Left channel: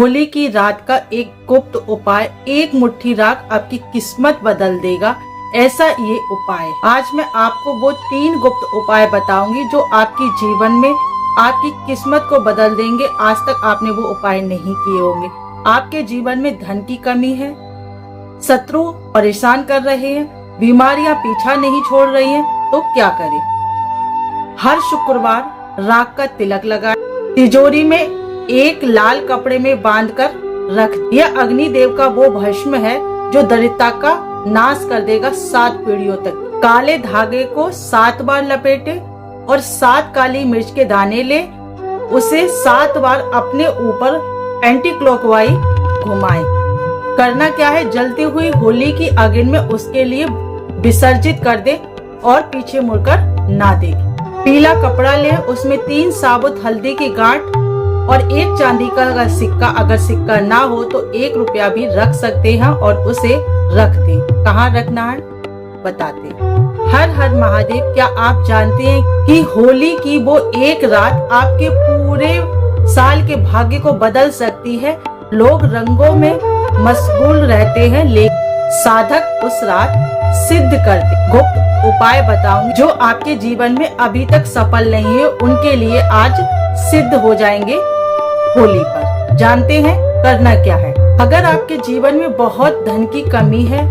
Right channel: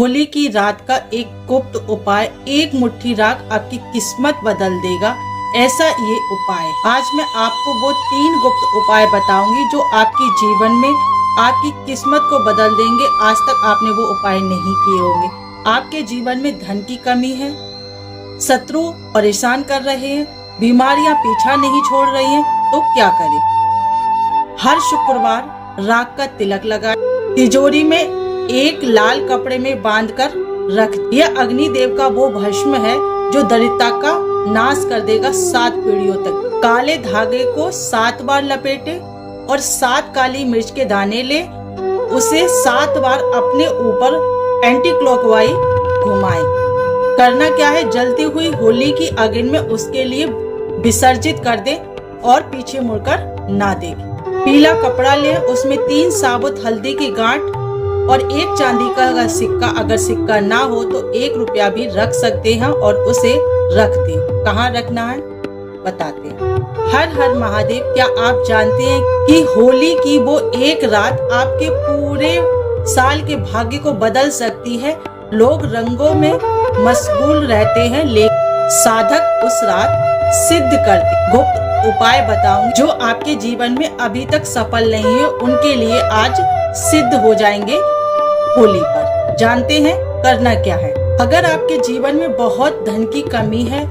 होली की रात का एक गुप्त उपाय, एक मुट्ठी राख आपकी किस्मत बदल देगा, ऐसा ये उपाय। आज मैं आपको वो 3 गुप्त उपाय बताऊंगी जो आपके जीवन में आपकी किस्मत को बदल देंगे। आज तक आपने वो उपाय नहीं किए होंगे। आपके जीवन में धन की कमी है, शत्रु परेशान कर रहे हैं, बीमारियां पीछा नहीं छोड़ रही हैं, तो क्या करें? हर शुक्रवार राख का तिलक लगाएं, तिजोरी में एक लाल कपड़े में बांधकर रख। यह अग्निदेव का वो भस्म है जो दरिद्रता का नाश कर देगा 7 पीढ़ियों तक। काले धागे को 7 बार लपेटे और 7 काली मिर्च के दाने ले, उसे 7 बार अपने ऊपर एंटी क्लॉकवाइज घुमाएं। करना क्या है, जलती हुई होली की अग्नि में उसके लिए विसर्जित कर दे और पीछे मुड़कर ना देखें। पीला कपड़ा ले, उसमें 3 साबुत हल्दी की गांठ और 1 चांदी का सिक्का, अगर सिक्का ना हो तो 1 रुपया भी रख सकते हैं और उसे रख दें। कहाँ रखना है बताते। हर हर महादेव। क्या आप जानते हैं कि होली की वो एक रात आपके पूरे साल के भाग्य को बदल सकती है? लोग रंगों में मशगूल रहते हैं, लेकिन साधक उस रात सिद्ध करते। गुप्त उपाय बताऊं जो आपके जीवन में अभी तक सफल नहीं है, उनके लिए आज सिद्ध हो जाएंगे होली पर। जानते हैं करना क्या है? अगर आपके जीवन में बहुत धन की कमी है,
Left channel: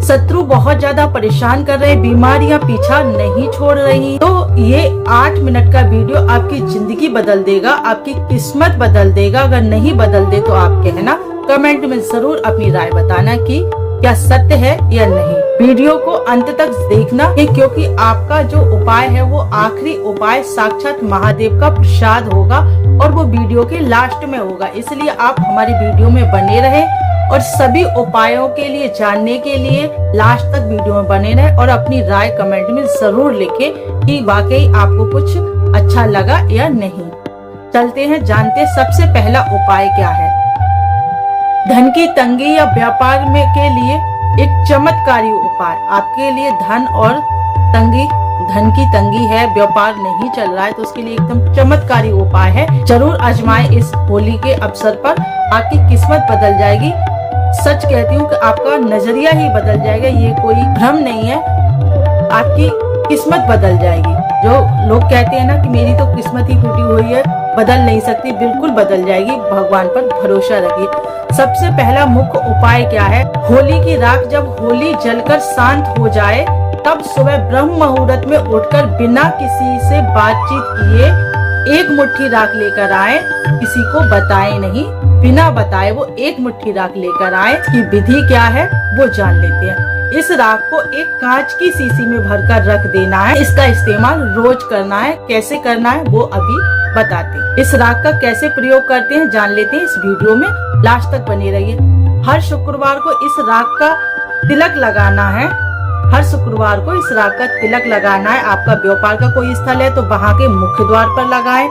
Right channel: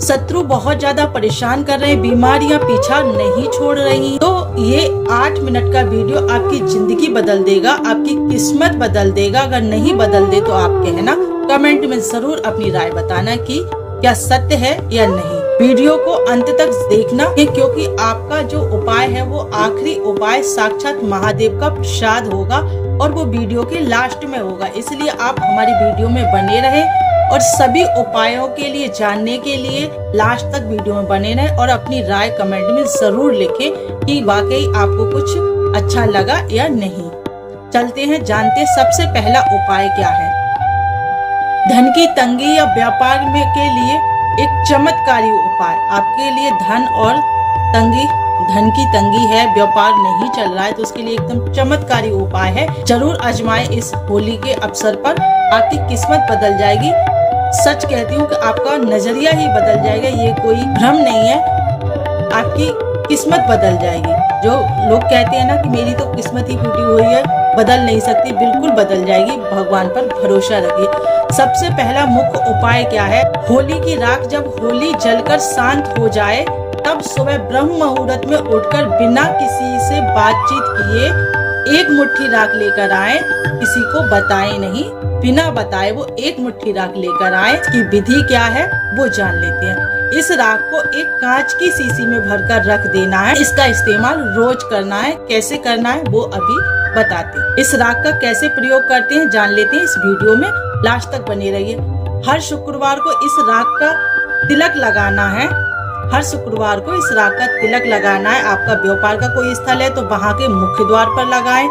शत्रु बहुत ज्यादा परेशान कर रहे हैं, बीमारियां पीछा नहीं छोड़ रही, तो ये 8 मिनट का वीडियो आपकी जिंदगी बदल देगा, आपकी किस्मत बदल देगा। अगर नहीं बदल दे तो आप कहना, कमेंट में जरूर अपनी राय बताना कि क्या सत्य है या नहीं। वीडियो को अंत तक देखना है, क्योंकि आपका जो उपाय है वो आखिरी उपाय साक्षात महादेव का प्रसाद होगा और वो वीडियो के लास्ट में होगा। इसलिए आप हमारी वीडियो में बने रहें और सभी उपायों के लिए जानने के लिए लास्ट तक वीडियो में बने रहें और अपनी राय कमेंट में जरूर लिखें कि वाकई आपको कुछ अच्छा लगा या नहीं। चलते हैं, जानते सबसे पहला उपाय क्या है। धन की तंगी या व्यापार में के लिए एक चमत्कारी उपाय। आपके लिए धन की तंगी है, व्यापार नहीं चल रहा है, तो उसके लिए एकदम चमत्कारी उपाय है। जरूर आजमाएं इस होली के अवसर पर, आपकी किस्मत बदल जाएगी। सच कहती हूँ कि आपका नजरिया ही बदल जाएगा, ये कोई भ्रम नहीं है। आपकी किस्मत बदल जाएगी। जो लोग कहते हैं ना कि मेरी तो किस्मत ही फूटी हुई है, बदल नहीं सकती, बिल्कुल बदल जाएगी। भगवान पर भरोसा रखिए। सबसे पहला मुख्य उपाय क्या है? होली की राख जब होली जलकर शांत हो जाए, तब सुबह ब्रह्म मुहूर्त में उठकर बिना किसी से बातचीत किए 1 मुट्ठी राख लेकर आए। किसी को बताएं नहीं, बिना बताए वो 1 मुट्ठी राख लेकर आए। इसकी विधि क्या है वो जान लेते हैं। इस राख को एक कांच की शीशी में भरकर रख देना है। इसका इस्तेमाल रोज करना है। कैसे करना है वो अभी बताते हैं। इस राख का कैसे प्रयोग करते हैं जान लेते हैं। इस वीडियो में लास्ट तक बने रहिए। हर शुक्रवार को इस राख का तिलक लगाना है। हर शुक्रवार को इस राख का तिलक लगाना है। आपका व्यापार का कोई स्थल है तो वहाँ के मुख्य द्वार पर लगाएं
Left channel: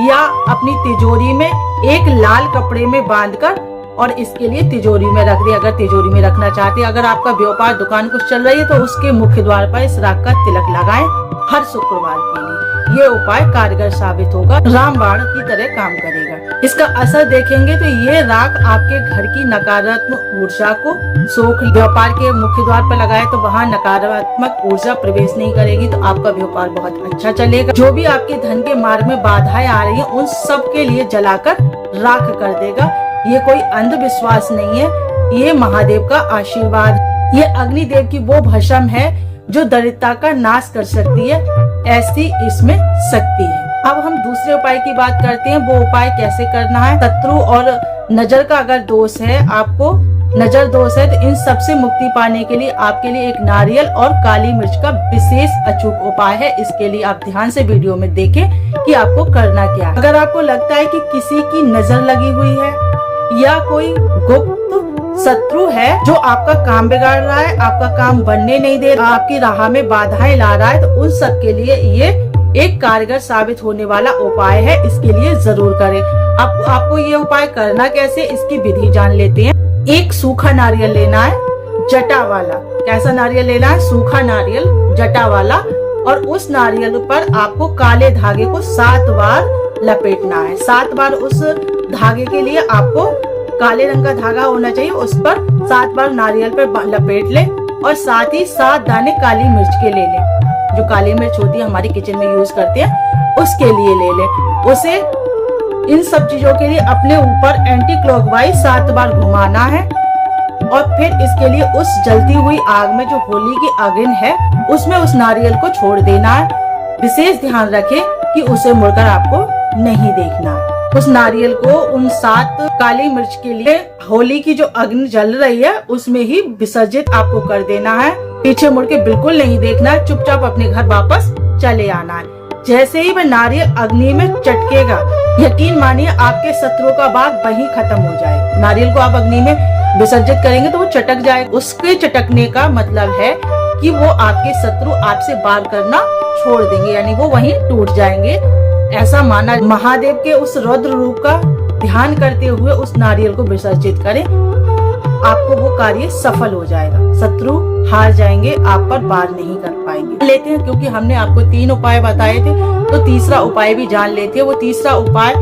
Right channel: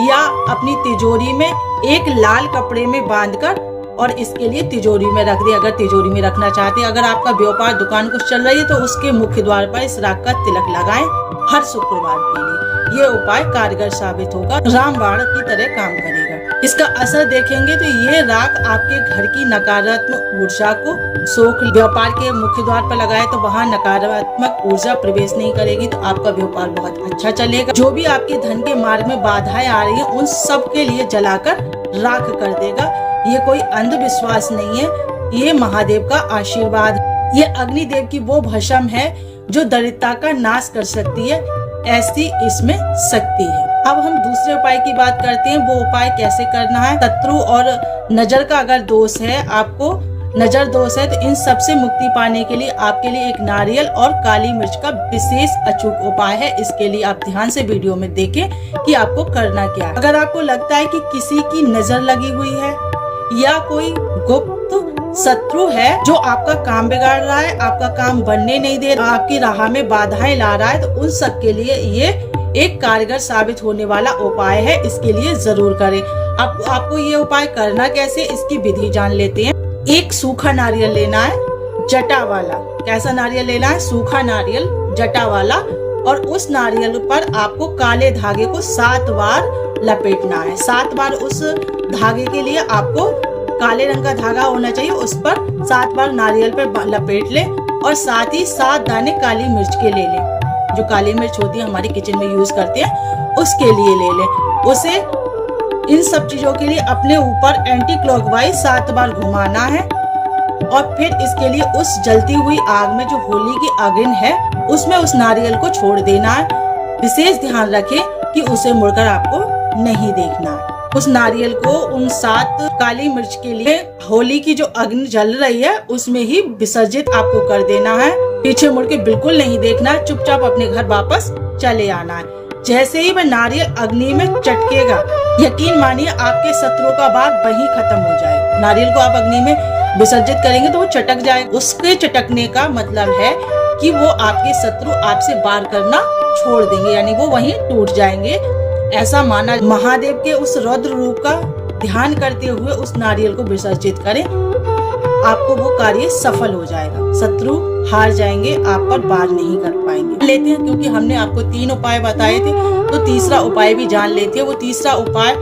या अपनी तिजोरी में एक लाल कपड़े में बांधकर और इसके लिए तिजोरी में रख दे। अगर तिजोरी में रखना चाहते हैं, अगर आपका व्यापार दुकान कुछ चल रही है तो उसके मुख्य द्वार पर इस राख का तिलक लगाएं हर शुक्रवार के लिए। ये उपाय कारगर साबित होगा, रामबाण की तरह काम करेगा। इसका असर देखेंगे तो ये राख आपके घर की नकारात्मक ऊर्जा को सोख। व्यापार के मुख्य द्वार पर लगाए तो वहाँ नकारात्मक ऊर्जा प्रवेश नहीं करेगी, तो आपका व्यापार बहुत अच्छा चलेगा। जो भी आपके धन के मार्ग में बाधाएं आ रही हैं, उन सब के लिए जलाकर राख कर देगा। ये कोई अंधविश्वास नहीं है, ये महादेव का आशीर्वाद। ये अग्निदेव की वो भस्म है जो दरिद्रता का नाश कर सकती है, ऐसी इसमें शक्ति है। अब हम दूसरे उपाय की बात करते हैं। वो उपाय कैसे करना है? शत्रु और नजर का अगर दोष है, आपको नजर दोष है, तो इन सबसे मुक्ति पाने के लिए आपके लिए एक नारियल और काली मिर्च का विशेष अचूक उपाय है। इसके लिए आप ध्यान से वीडियो में देखें कि आपको करना क्या है। अगर आपको लगता है कि किसी की नजर लगी हुई है या कोई गुप्त शत्रु है जो आपका काम बिगाड़ रहा है, आपका काम बनने नहीं दे रहा, आपकी राह में बाधाएं ला रहा है, तो उन सब के लिए ये एक कारगर साबित होने वाला उपाय है। इसके लिए जरूर करें। आपको ये उपाय करना कैसे, इसकी विधि जान लेते हैं। एक सूखा नारियल लेना है, जटा वाला। कैसा नारियल लेना है? सूखा नारियल, जटा वाला। और उस नारियल पर आपको काले धागे को 7 बार लपेटना है। 7 बार उस धागे के लिए आपको काले रंग का धागा होना चाहिए, उस पर 7 बार नारियल पर लपेट ले और साथ ही 7 दाने काली मिर्च के ले लें। जो काली मिर्च होती है हमारे किचन में यूज करते हैं उसके लिए ले लें। उसे इन सब चीजों के लिए अपने ऊपर एंटी क्लॉकवाइज 7 बार घुमाना है और फिर इसके लिए उस जलती हुई आग में जो होली की अग्नि है उसमें उस नारियल को छोड़ देना है। विशेष ध्यान रखें कि उसे मुड़कर आपको नहीं देखना है। उस नारियल को उन 7 काली मिर्च के लिए होली की जो अग्नि जल रही है उसमें ही विसर्जित आपको कर देना है। पीछे मुड़ के बिल्कुल नहीं देखना है, चुपचाप अपने घर वापस चले आना है। जैसे ही वह नारियल अग्नि में चटकेगा, यकीन मानिए आपके शत्रुओं का भाग वहीं खत्म हो जाएगा। नारियल को आप अग्नि में विसर्जित करेंगे तो वो चटक जाएगा। उसके चटकने का मतलब है कि वो आपके शत्रु आपसे वार करना छोड़ देंगे, यानी वो वहीं टूट जाएंगे। ऐसा माना महादेव के उस रौद्र रूप का ध्यान करते हुए उस नारियल को विसर्जित करें, आपको वो कार्य सफल हो जाएगा। शत्रु हार जाएंगे, आप पर वार नहीं कर पाएंगे। लेते हैं, क्योंकि हमने आपको 3 उपाय बताए थे तो तीसरा उपाय भी जान लेते हैं। वो तीसरा उपाय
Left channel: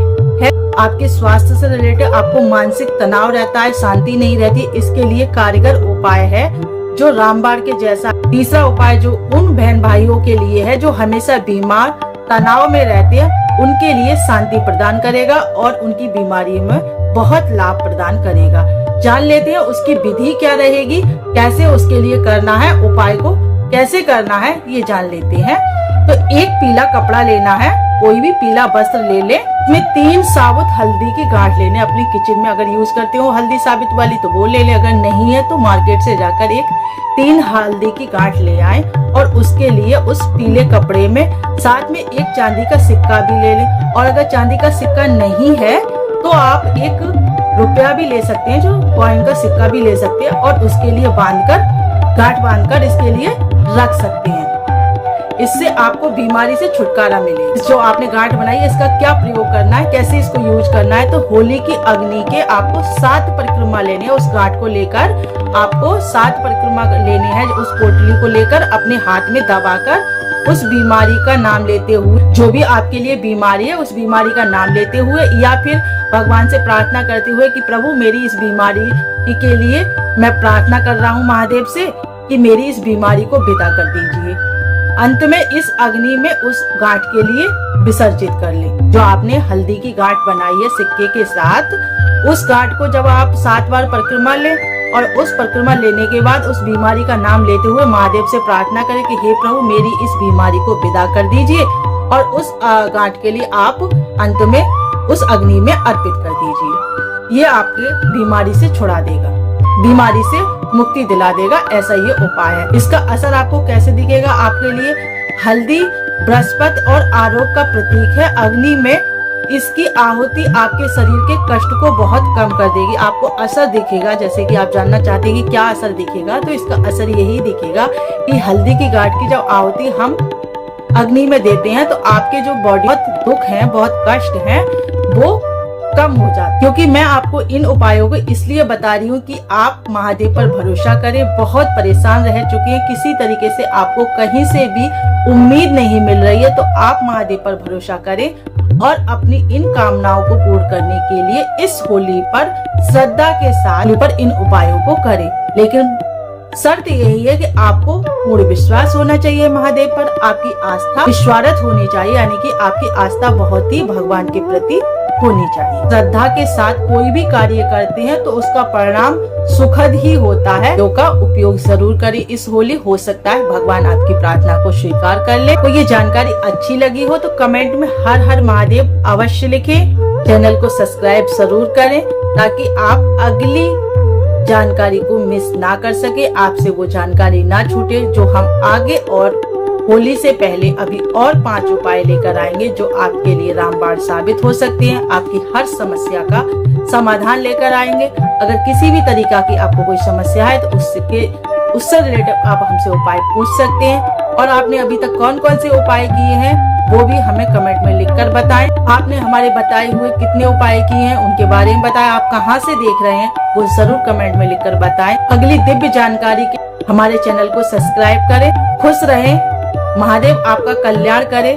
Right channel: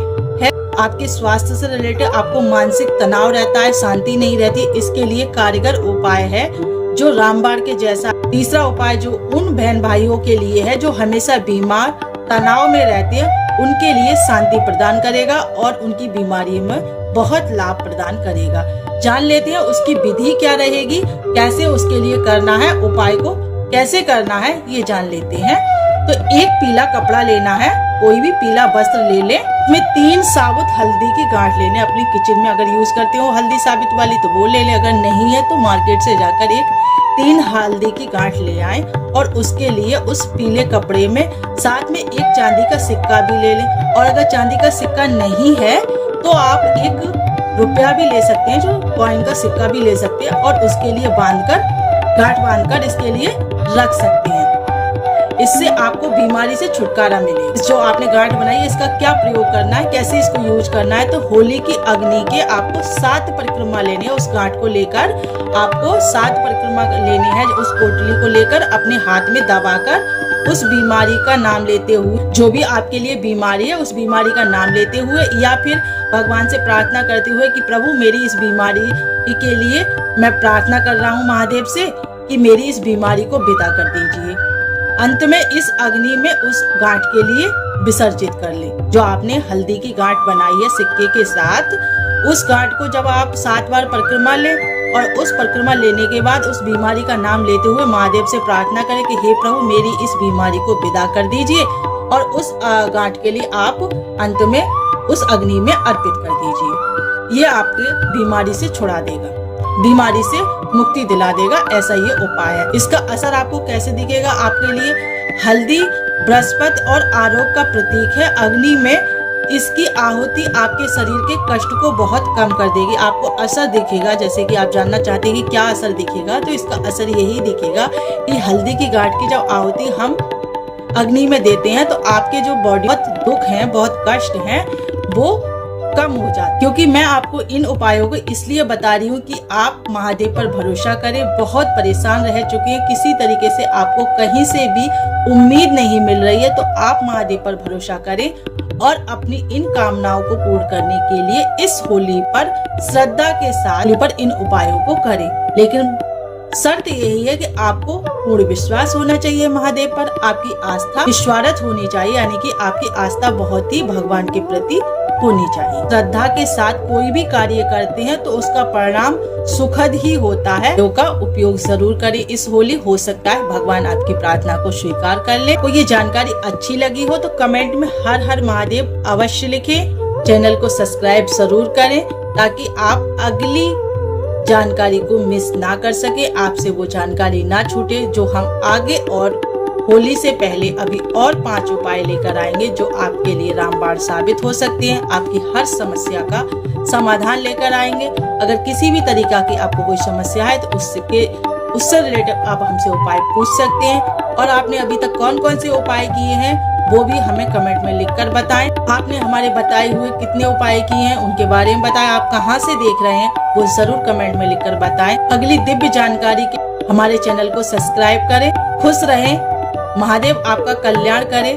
है आपके स्वास्थ्य से रिलेटेड। आपको मानसिक तनाव रहता है, शांति नहीं रहती, इसके लिए कारगर उपाय है जो रामबाण के जैसा। तीसरा उपाय जो उन बहन भाइयों के लिए है जो हमेशा बीमार तनाव में रहते हैं, उनके लिए शांति प्रदान करेगा और उनकी बीमारी में बहुत लाभ प्रदान करेगा। जान लेते हैं उसकी विधि क्या रहेगी, कैसे उसके लिए करना है, उपाय को कैसे करना है ये जान लेते हैं। तो एक पीला कपड़ा लेना है, कोई भी पीला वस्त्र ले ले, में 3 साबुत हल्दी की गांठ लेने। अपनी किचन में अगर यूज करते हो हल्दी साबित वाली तो वो ले ले, अगर नहीं है तो मार्केट से जाकर एक 3 हल्दी की गांठ ले आए और उसके लिए उस पीले कपड़े में साथ में एक चांदी का सिक्का भी ले लें। और अगर चांदी का सिक्का नहीं है तो आप 1 रुपया भी ले सकते हैं, जो कॉइन का सिक्का भी ले सकते हैं और उसके लिए गांठ बांधकर इसके लिए रख सकते हैं। इससे आपको बीमारी से छुटकारा मिले। जो आपने गांठ बनाई है इसका क्या प्रयोग करना है, कैसे इसको यूज करना है, तो होली की अग्नि के आपको 7 परिक्रमा लेने हैं। उस गांठ को लेकर आपको 7 परिक्रमा लेने हैं। उस पोटली को लेकर अपने हाथ में दबाकर उस बीमारी का नाम लेते हुए, जो भी आपके लिए बीमारी है उस बीमारी का नाम लेते हुए, या फिर भगवान से प्रार्थना करते हुए कि प्रभु मेरी इस बीमारी के लिए मैं प्रार्थना कर रहा हूँ महादेव से कि मेरी इस बीमारी को विदा कर दीजिए। अंत में इस अग्नि में उस गांठ के लिए विसर्जित कर ले। जो आपने हल्दी की गांठ बनाई है सिक्के के साथ, उस गांठ को जब आप 7 बार परिक्रमा ले और उस परिक्रमा लेने के बाद उस बीमारी का नाम लेते हुए महादेव से प्रार्थना करें कि हे प्रभु मेरी इस बीमारी को विदा कर दीजिए, और उस गांठ के लिए आप अंत में उस अग्नि में अर्पित कर दीजिए। ये आपके बीमारी से छुड़ा देगा, बीमारी से मुक्ति दिला देगा। ऐसा ये उपाय है। इसका असर आपको कैसे दिखेगा, आपके लिए हल्दी बृहस्पति और आरोग्य का प्रतीक है। अग्नि में इसकी आहुति आपके शरीर के कष्ट को बहुत कम कर देगी। आपको असर दिखेगा, जैसे कि आप जानना चाहते हैं कि क्या असर दिखेगा, तो इसका असर यही दिखेगा कि हल्दी की गांठ की जब आहुति हम अग्नि में देते हैं तो आपके जो बॉडी बहुत दुख हैं, बहुत कष्ट हैं, वो कम हो जाता। क्योंकि मैं आपको इन उपायों को इसलिए बता रही हूँ कि आप महादेव पर भरोसा करें। बहुत परेशान रह चुके हैं, किसी तरीके से आपको कहीं से भी उम्मीद नहीं मिल रही है, तो आप महादेव पर भरोसा करें और अपनी इन कामनाओं को पूर्ण करने के लिए इस होली पर श्रद्धा के साथ इन उपायों को करें। लेकिन शर्त यही है कि आपको पूर्ण विश्वास होना चाहिए महादेव पर, आपकी आस्था विश्वारत होनी चाहिए, यानी कि आपकी आस्था बहुत ही भगवान के प्रति होनी चाहिए। श्रद्धा के साथ कोई भी कार्य करते हैं तो उसका परिणाम सुखद ही होता है। का उपयोग जरूर करें इस होली, हो सकता है भगवान आपकी प्रार्थना को स्वीकार कर ले। तो ये जानकारी अच्छी लगी हो तो कमेंट में हर हर महादेव अवश्य लिखें। चैनल को सब्सक्राइब जरूर करें ताकि आप अगली जानकारी को मिस ना कर सके, आपसे वो जानकारी ना छूटे जो हम आगे और होली से पहले अभी और 5 उपाय लेकर आएंगे जो आपके लिए रामबाण साबित हो सकते हैं। आपकी हर समस्या का समाधान लेकर आएंगे। अगर किसी भी तरीका की आपको कोई समस्या है तो उससे रिलेटेड आप हमसे उपाय पूछ सकते हैं। और आपने अभी तक कौन कौन से उपाय किए हैं वो भी हमें कमेंट में लिखकर बताएं। आपने हमारे बताए हुए कितने उपाय किए हैं उनके बारे में बताएं। आप कहां से देख रहे हैं वो जरूर कमेंट में लिखकर बताएं। अगली दिव्य जानकारी के हमारे चैनल को सब्सक्राइब करें। खुश रहें, महादेव आपका कल्याण करे।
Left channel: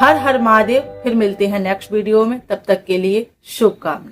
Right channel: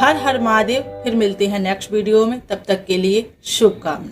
हर हर महादेव। फिर मिलते हैं नेक्स्ट वीडियो में, तब तक के लिए शुभकामनाएं।